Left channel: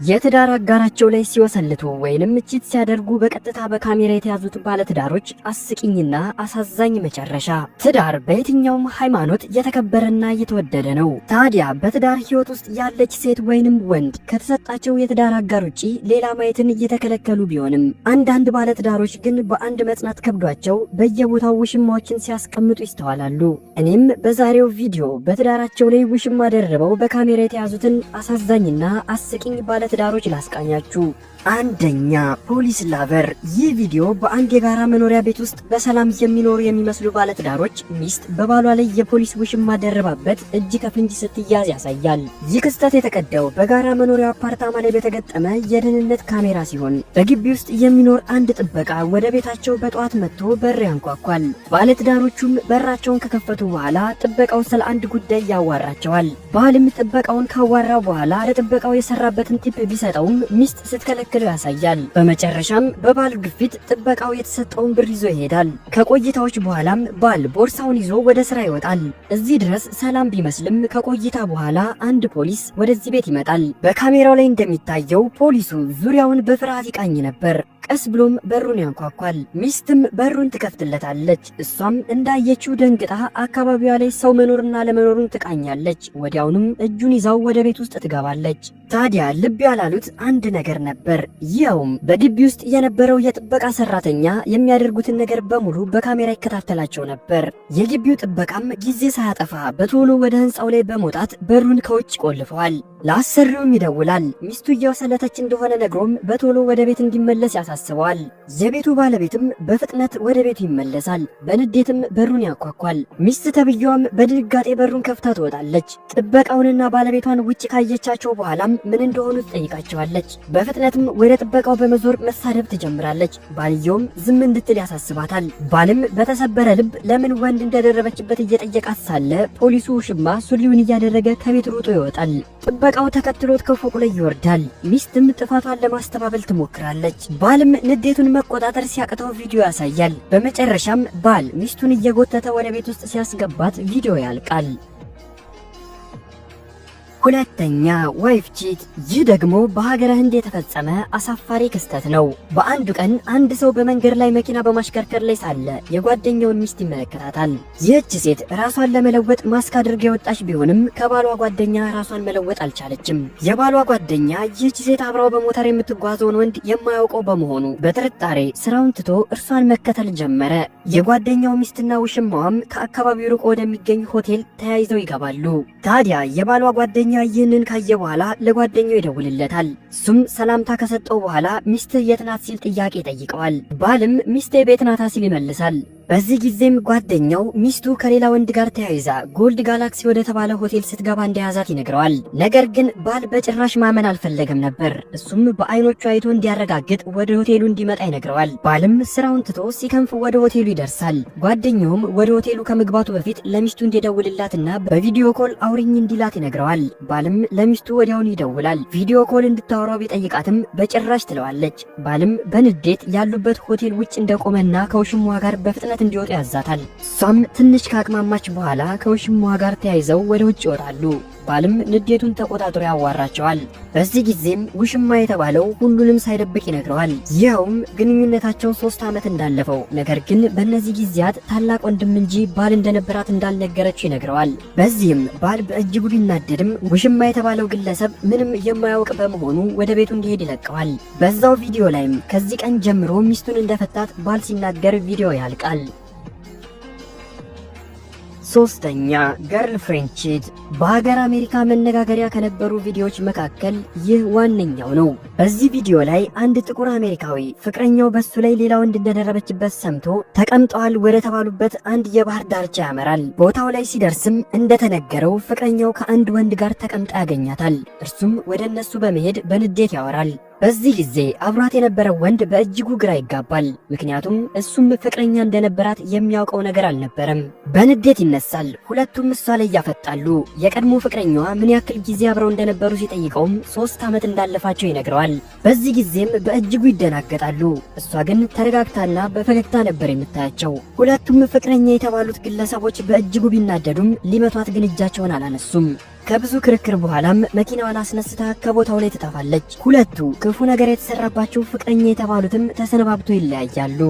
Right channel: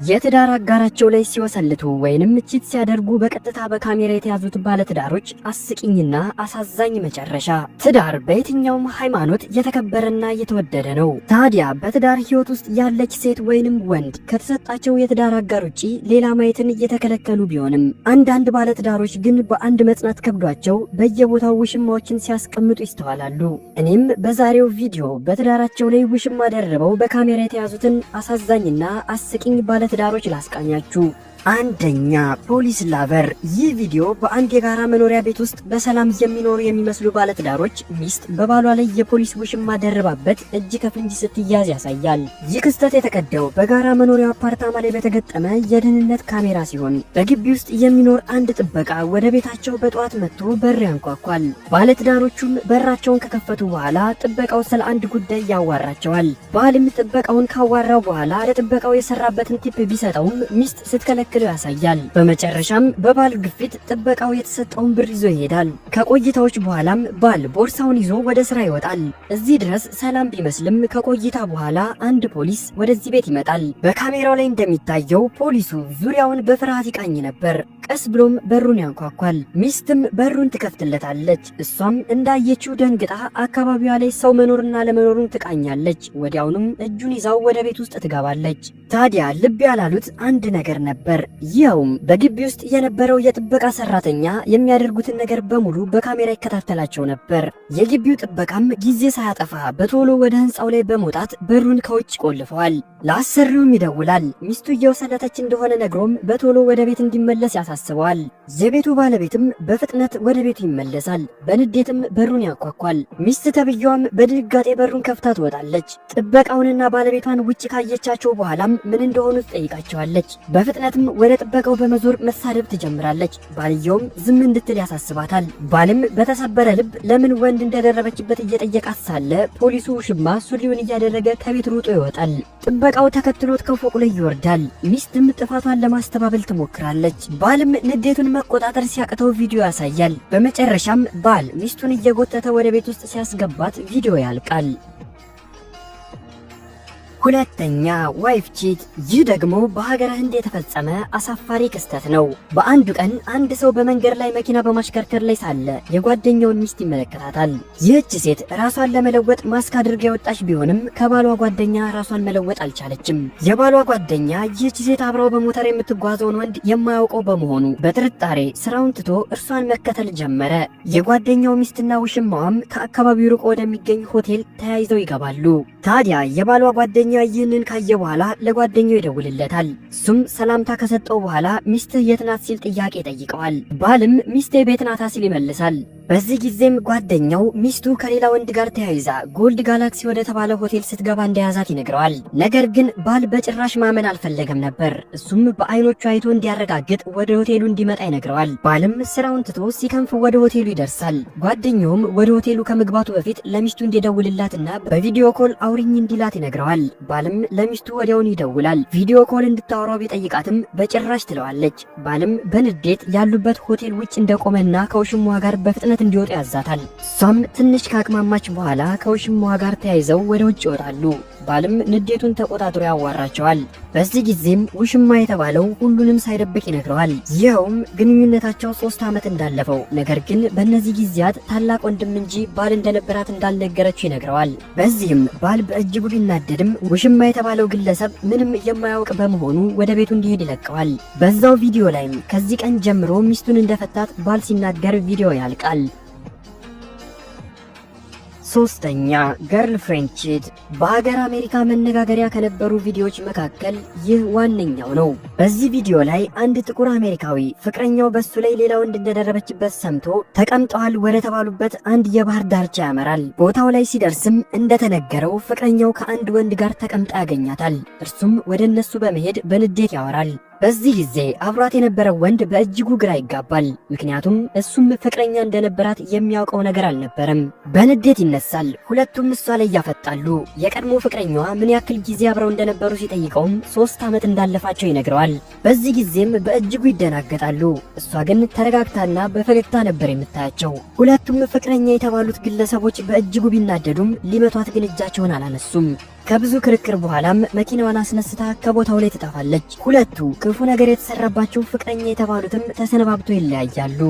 የትዳር አጋራቸው ላይ ሲወሰልቱ ወይንም ቺት ሲያደርጉ በቀጥታ በካሜራ የተያዙት ባለትዳሮች አስቂኝና አሳዛኝ መጨረሻ። ትዳር በየትኛውም ሃይማኖት የተከበረና የተወደደ ነው። ታዲያ በትዳር ህይወት ውስጥ ያለች ሴት ወይንም ወንድ ከተሰጣቸው የትዳር አጋር ውጪ ሌላ ማየትን እየተከለከሉ ቢሆንም አንዳንድ ባለትዳሮች ግን በአንድ መጽናት ከብዷቸው በየቦታው ውሽማዎችን ሲያስቀምጡ ይስተዋላሉ። እኔም በዛሬው ቪዲዮ በትዳራቸው ላይ ውሽማ ደርበው በካሜራ የተያዙትን አሳዛኝና አስቂኝ ባለትዳሮች ላስቃኛችሁ። አንደኛ፣ ፖሊስ ላቨር። ይህ ቪዲዮ በአንድ የጋራ መኖሪያ ቤት ውስጥ በሰላም የሚኖሩ የሚመስሉ ባለትዳሮች ሚስት በባሏ ላይ የፖሊስ ውሽማ ደርባበት እጅ ከፍንጅ ስትያዝ ያሳያል። ይህ ክስተት የተቀዳው በጋራ መኖሪያ አፓርታማ ላይ በተገጠመ የደህንነት ካሜራ ሲሆን በግቢ ውስጥ የሚኖር አንድ ጥበቃ ወደ ቤታቸው በጠዋት መጥቶ በር ያንኳኳል። ባለትዳሮቹም በራቸውን ከከፈቱ በኋላ ጥበቃው ስለ አንድ ጉዳይ ያዋራቸዋል። ባልም ጥበቃውን ካዋራው በኋላ ለጥበቃው የሰራበትን ቲፕ ቢሰጠውም ሚስት ስትከለክል ያሳያል። በመጨረሻም በባል ግፊት ጥበቃው የተሰጠውን ብር ይዞ ይሄዳል። ከቆይታዎች በኋላም ባል ቦርሳውን ይዞ ወደ ስራ ይወጣል። እዚህ ድረስ ሰላም ቢመስልም ከቆይታ በኋላ አንድ ፖሊስ ወደዚህ ቤት ይመጣል። በካሜራው ላይ እንደሚታየው ፖሊሱ ዙሪያውን በፍርሃት ይቃኝ ነበር። ቀስ ብሎም በሩን ያንኳኳል። ሚስትም በሩን ትከፍትለታለች። እሷም እንዳየችው ደንግጣ አካባቢዋ ላይ ሰው መኖርና ለመኖሩን ትቃኛለች። ወዲያውኑም እጁን ይዛው ወደ ቤት ውስጥ ትገባለች። ታዲያ ልብ ያላሉት አንድ ነገር ነበር። ይኸውም በግቢ ውስጥ የነበረው የጥበቃ ሰራተኛ የሚያደርጉትን ነገር በሙሉ በካሜራ ይከታተላቸው ነበር። የግቢው ጥበቃም ጊዜ ሳያጠፋ በቶሎ ወደ ህንፃው ላይ በመውጣት በሩን ከውጭ ቆልፈዋል። ለአሰሪውም ይደውላል። ሚስቱ እየወሰለተች እንደሆነ ነግሮም በቶሎ ወደ ቤት እንዲመለስ ያሳስበዋል። የቤቱ ባለቤትም በፍጥነት ወደ ቤቱ ይመለሳል። በንዴትም በሩን ያንኳኳል። ሚስት ተብዬዋም በድንጋጤ በሩን ከፍታ ትወጣለች። ጥበቃውንና ባለቤቷን ውጭ ካየቻቸው በኋላም ምን እንደሆኑ ትጠይቃቸዋለች። በፍጥነትም ወደ ጥበቃው በመዞር መሳደብ ትጀምራለች። ባልየውም ዝም እንድትል ያሳስባታል። ባልም በተሰበረ ልብ ለምን ወንድ እንደደረበችበት እየጠየቃት ሳለ ፖሊሱ ውሽማ ሱሪውን እያደረገ ከቤት ሮጦ ይወጣል። ጥበቃው ተከትሎት ከፎቁ ላይ ይወርዳል። ሚስትም ጥፋቷን ለማስተባበል ትሞክራለች። ባልም ንዴቱን መቆጣጠር ሲያቅተው ቪዲዮ ያሳያል። በመጨረሻም ባል ሚስቱን እየጎተተ ወደ ቤት ውስጥ ሲያስገባት ቪዲዮ ያልቃል። ሁለተኛ፣ ዋይፍ ቺት። ይህ ደግሞ በሀገረ ህንድ የተፈጸመ አሳፋሪ ክስተት ነው። በአንዱ ቀን አንድ ሰው በመንገድ ላይ መኪና በማሽከርከር ላይ ሳለ የጓደኛውን ሚስት ይመለከታታል። ይህች ሴት ራሷን ለመለወጥ ማስክ አድርጋ የወጣች ቢሆንም ከባሏ ጓደኛ ራሷን መለወጥ አልቻለችም። የባሏ ጓደኛ ይህች ሴት አብራው በሞተር የምትጓዘውን ወንድ የማያውቀው በመሆኑ በጥርጣሬ ስራውን ትቶ እርሷን መከተል ጀመረ። የጓደኛው ሚስትና ውሽማዋም ከአካባቢው ርቆ ወደሚገኝ ሆቴል ተያይዘው ይገባሉ። ታዲያ የባሏ ጓደኛ ይህንን ካየ በኋላ ለጓደኛው ይደውልለታል። እሱም ሰላምታ ከሰጠው በኋላ ሚስት የት ናት ሲል ጥያቄ ይጠይቀዋል። ባልም ሚስቴ ቤት ናታ ሲል ይመልሳል። በዚህ ጊዜም ጓደኛው ሚስቱ ከሌላ ወንድ ጋር ተያይዛ ጎልድ ጋላክሲ ወደ ተባለ ሆቴል ስትገባ እንደያዛት ይነግረዋል። ነገር ግን ባል በጭራሽ ማመን አልፈለገም ነበር። እሱም በአይኖቹ አይቶ እንዲያረጋግጥ ወደ ሆቴሉ እንዲመጣ ይነግረዋል። ባልም ስራውን ትቶ ሲከንፍ ወደ ሆቴሉ ይደርሳል። ጓደኛውም ወደ ሆቴሉ ከመግባቱ በፊት ለሚስቱ እንዲደውልላትና በቪዲዮ ኮል አውሪኝ እንዲላት ይነግረዋል። ባልም ለሚስቱ ወዲያውን ይደውላል። ቪዲዮ ኮል እንድታወራው ቢጠይቃትም በጭራሽ ትለዋለች። ባልም በንዴት ያሉበት ሆቴል ውጭ እንደቆመና ከውሽሟ ጋር በፍጥነት እንዲወጡ ያዛታል። እሷም ትንሽ ካቅማማች በኋላ ከውሽማዋ ጋር ተያይዘው ወደ ውጭ ይወጣሉ። ባልም ንዴቱን ተቆጣጥሮ ያዋራቸዋል። በዚህ ጊዜም ውሽማ የተባለው ሁሉንም ሳይደብቅ ይነግረዋል። ይኸውም ግንኙነታቸው 3 ዓመት እንዳለፈው፣ ነገር ግን በእነዚህ ጊዜያት ታላቅ ወንድም እንጂ ባል እንደነበራት እንዳልነገረችው ይነግረዋል። በዚህም ባል በእጅጉ ቢናደድም ውሽማ የተባለው ግለሰብ ምንም የማያውቅ በመሆኑ ወደ ቤቱ እንዲሄድ ይለቀዋል። በዛው ቪዲዮ ላይም ከዚህ ቀን ጀምሮ ሚስቱን እንደፈታት ባል ሲናገር ቪዲዮ ያልቃል። ሶስተኛ፣ ገርል ፍሬንድ ቺት። በሀገር አሜሪካ መነጋገሪያ ከነበሩ ቪዲዮዎች መካከል ይህ ዋነኛው ነው። በዚህ ቪዲዮ ላይ አንድ ጥቁር አሜሪካዊ ፍቅረኛው በሱ ላይ ሌላ ወንድ እንደደረበችበት ሰምቶ ተቀምጠዋል ወደ ተባሉበት አንድ የባህር ዳርቻ ያመራል። ቦታው ላይ ሲደርስም እንደተነገረው ፍቅረኛው ከአንድ ወንድ ጋር ተቀምጣ ያገኛታል። እርሱም ወደ እነሱ በመሄድ በንዴት ያወራል። በዚህ ጊዜ አብሯት የነበረው ወንድ በእጅጉ ግራ ይጋባል። ምክንያቱም እሱም ፍቅረኛ እንደነበራት የሚያውቀው ነገር አልነበረም። በንዴት ይነሳል። ይነሳል። ሁለቱም እሷ ላይ ያፈጣሉ። የቀድሞ ፍቅረኛዋ ምን ያክል ጊዜ አብረው እንደነበሩ ሲጠይቀውም 3 ዓመት እንዳለፋቸው ይነግረዋል። በዚህ ጊዜም በእጅጉ ይደናገጣሉ። እሷ ግን ተረጋግታና በፈገግታ ነበር የምታያቸው። ሁለቱም ፍቅረኛ የተባሉት ግለሰቦች በእጅጉ ቢናደዱም ሊመቷት ግን እጃቸውን አላነሱም። ከብዙ ክርክር በኋላም መኪናዋን አስነስታ ከቦታው ላይ ትጠፋለች። ሁለቱ ክፉ ነገር የተሰራባቸው ፍቅረኛ የተባሉትም ተሰነባብቶ ይለያያሉ።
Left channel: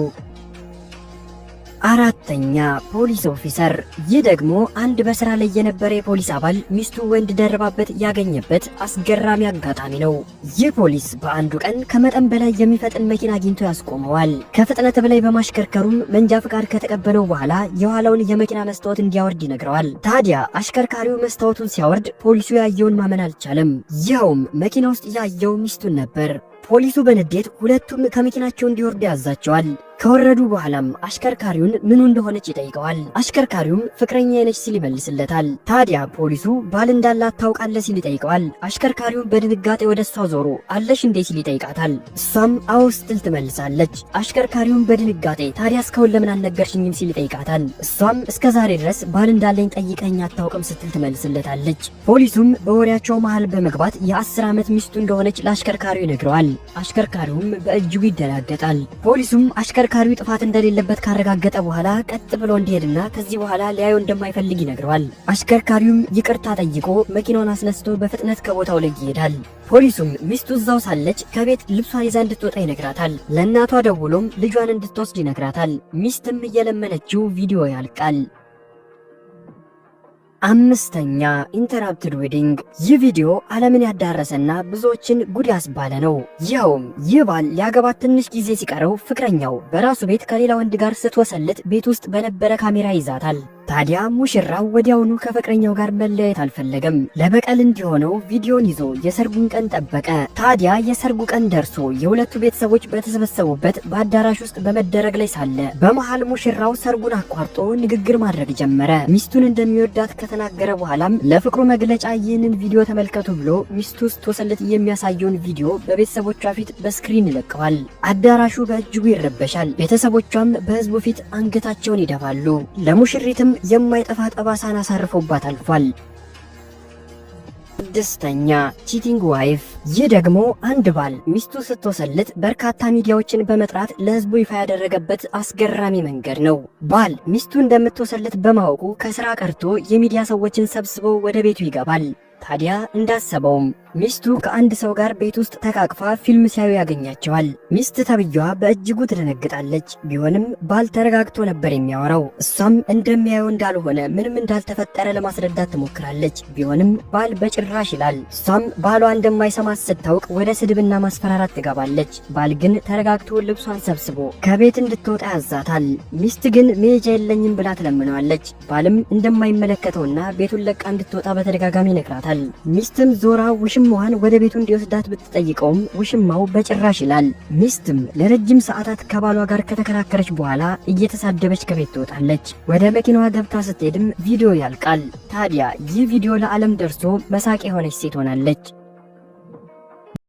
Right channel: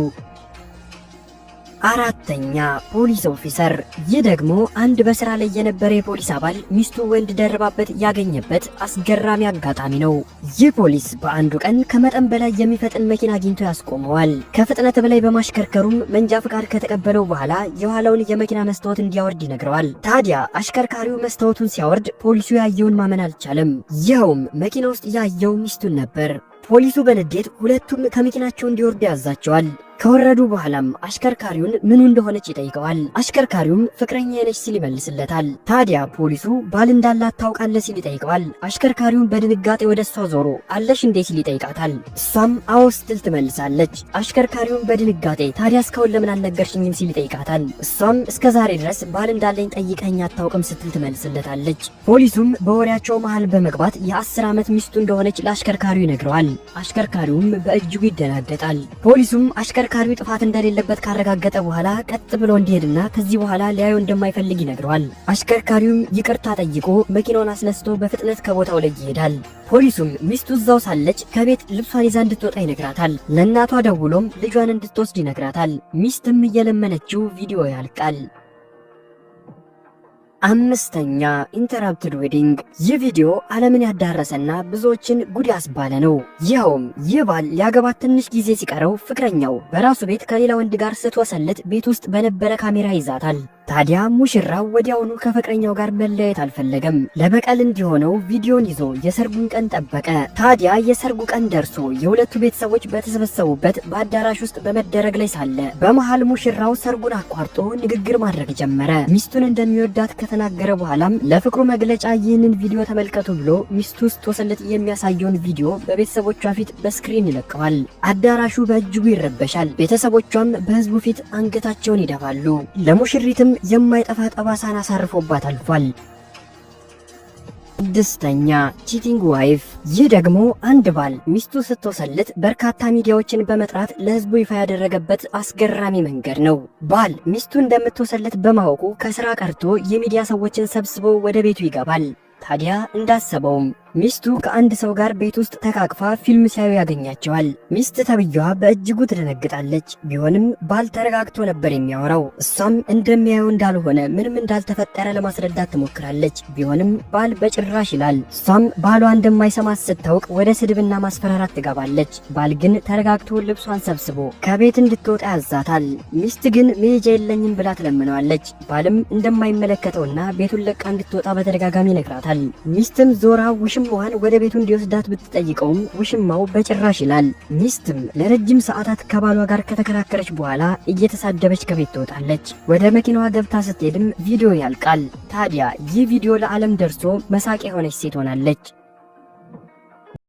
አራተኛ ፖሊስ ኦፊሰር። ይህ ደግሞ አንድ በስራ ላይ የነበረ የፖሊስ አባል ሚስቱ ወንድ ደረባበት ያገኘበት አስገራሚ አጋጣሚ ነው። ይህ ፖሊስ በአንዱ ቀን ከመጠን በላይ የሚፈጥን መኪና አግኝቶ ያስቆመዋል። ከፍጥነት በላይ በማሽከርከሩም መንጃ ፍቃድ ከተቀበለው በኋላ የኋላውን የመኪና መስታወት እንዲያወርድ ይነግረዋል። ታዲያ አሽከርካሪው መስታወቱን ሲያወርድ ፖሊሱ ያየውን ማመን አልቻለም። ይኸውም መኪና ውስጥ ያየው ሚስቱን ነበር። ፖሊሱ በንዴት ሁለቱም ከመኪናቸው እንዲወርዱ ያዛቸዋል። ከወረዱ በኋላም አሽከርካሪውን ምኑ እንደሆነች ይጠይቀዋል። አሽከርካሪውም ፍቅረኛ ነች ሲል ይመልስለታል። ታዲያ ፖሊሱ ባል እንዳላት ታውቃለህ ሲል ይጠይቀዋል። አሽከርካሪውን በድንጋጤ ወደ እሷ ዞሮ አለሽ እንዴ ሲል ይጠይቃታል። እሷም አዎ ስትል ትመልሳለች። አሽከርካሪውን በድንጋጤ ታዲያ እስካሁን ለምን አልነገርሽኝም ሲል ይጠይቃታል። እሷም እስከ ዛሬ ድረስ ባል እንዳለኝ ጠይቀኝ አታውቅም ስትል ትመልስለታለች። ፖሊሱም በወሬያቸው መሃል በመግባት የ10 ዓመት ሚስቱ እንደሆነች ለአሽከርካሪው ይነግረዋል። አሽከርካሪውም በእጅጉ ይደናገጣል። ፖሊሱም አሽከርካሪው ጥፋት እንደሌለበት ካረጋገጠ በኋላ ቀጥ ብሎ እንዲሄድና ከዚህ በኋላ ሊያየው እንደማይፈልግ ይነግረዋል። አሽከርካሪውም ይቅርታ ጠይቆ መኪናውን አስነስቶ በፍጥነት ከቦታው ላይ ይሄዳል። ፖሊሱም ሚስቱ እዛው ሳለች ከቤት ልብሷን ይዛ እንድትወጣ ይነግራታል። ለእናቷ ደውሎም ልጇን እንድትወስድ ይነግራታል። ሚስትም እየለመነችው ቪዲዮ ያልቃል። አምስተኛ ኢንተራፕትድ ዌዲንግ። ይህ ቪዲዮ ዓለምን ያዳረሰና ብዙዎችን ጉድ ያስባለ ነው። ይኸውም ይህ ባል ሊያገባት ትንሽ ጊዜ ሲቀረው ፍቅረኛው በራሱ ቤት ከሌላ ወንድ ጋር ስትወሰልት ቤት ውስጥ በነበረ ካሜራ ይዛታል። ታዲያ ሙሽራው ወዲያውኑ ከፍቅረኛው ጋር መለያየት አልፈለገም። ለበቀል እንዲሆነው ቪዲዮን ይዞ የሰርጉን ቀን ጠበቀ። ታዲያ የሰርጉ ቀን ደርሶ የሁለቱ ቤተሰቦች በተሰበሰቡበት በአዳራሽ ውስጥ በመደረግ ላይ ሳለ በመሃል ሙሽራው ሰርጉን አቋርጦ ንግግር ማድረግ ጀመረ። ሚስቱን እንደሚወዳት ከተናገረ በኋላም ለፍቅሩ መግለጫ ይህንን ቪዲዮ ተመልከቱ ብሎ ሚስቱ ስትወሰልት የሚያሳየውን ቪዲዮ በቤተሰቦቿ ፊት በስክሪን ይለቀዋል። አዳራሹ በእጅጉ ይረበሻል። ቤተሰቦቿም በህዝቡ ፊት አንገታቸውን ይደፋሉ። ለሙሽሪትም የማይጠፋ ጠባሳን አሳርፎባት አልፏል። ስድስተኛ ቺቲንግ ዋይፍ። ይህ ደግሞ አንድ ባል ሚስቱ ስትወሰልት በርካታ ሚዲያዎችን በመጥራት ለህዝቡ ይፋ ያደረገበት አስገራሚ መንገድ ነው። ባል ሚስቱ እንደምትወሰልት በማወቁ ከስራ ቀርቶ የሚዲያ ሰዎችን ሰብስበው ወደ ቤቱ ይገባል። ታዲያ እንዳሰበውም ሚስቱ ከአንድ ሰው ጋር ቤት ውስጥ ተቃቅፋ ፊልም ሲያዩ ያገኛቸዋል። ሚስት ተብዬዋ በእጅጉ ትደነግጣለች። ቢሆንም ባል ተረጋግቶ ነበር የሚያወራው። እሷም እንደሚያየው እንዳልሆነ ምንም እንዳልተፈጠረ ለማስረዳት ትሞክራለች። ቢሆንም ባል በጭራሽ ይላል። እሷም ባሏ እንደማይሰማት ስታውቅ ወደ ስድብና ማስፈራራት ትገባለች። ባል ግን ተረጋግቶ ልብሷን ሰብስቦ ከቤት እንድትወጣ ያዛታል። ሚስት ግን መሄጃ የለኝም ብላ ትለምነዋለች። ባልም እንደማይመለከተውና ቤቱን ለቃ እንድትወጣ በተደጋጋሚ ይነግራታል። ሚስትም ዞራ ውሽማዋን ወደ ቤቱ እንዲወስዳት ብትጠይቀውም ውሽማው በጭራሽ ይላል። ሚስትም ለረጅም ሰዓታት ከባሏ ጋር ከተከራከረች በኋላ እየተሳደበች ከቤት ትወጣለች። ወደ መኪናዋ ገብታ ስትሄድም ቪዲዮ ያልቃል። ታዲያ ይህ ቪዲዮ ለዓለም ደርሶ መሳቂያ የሆነች ሴት ሆናለች።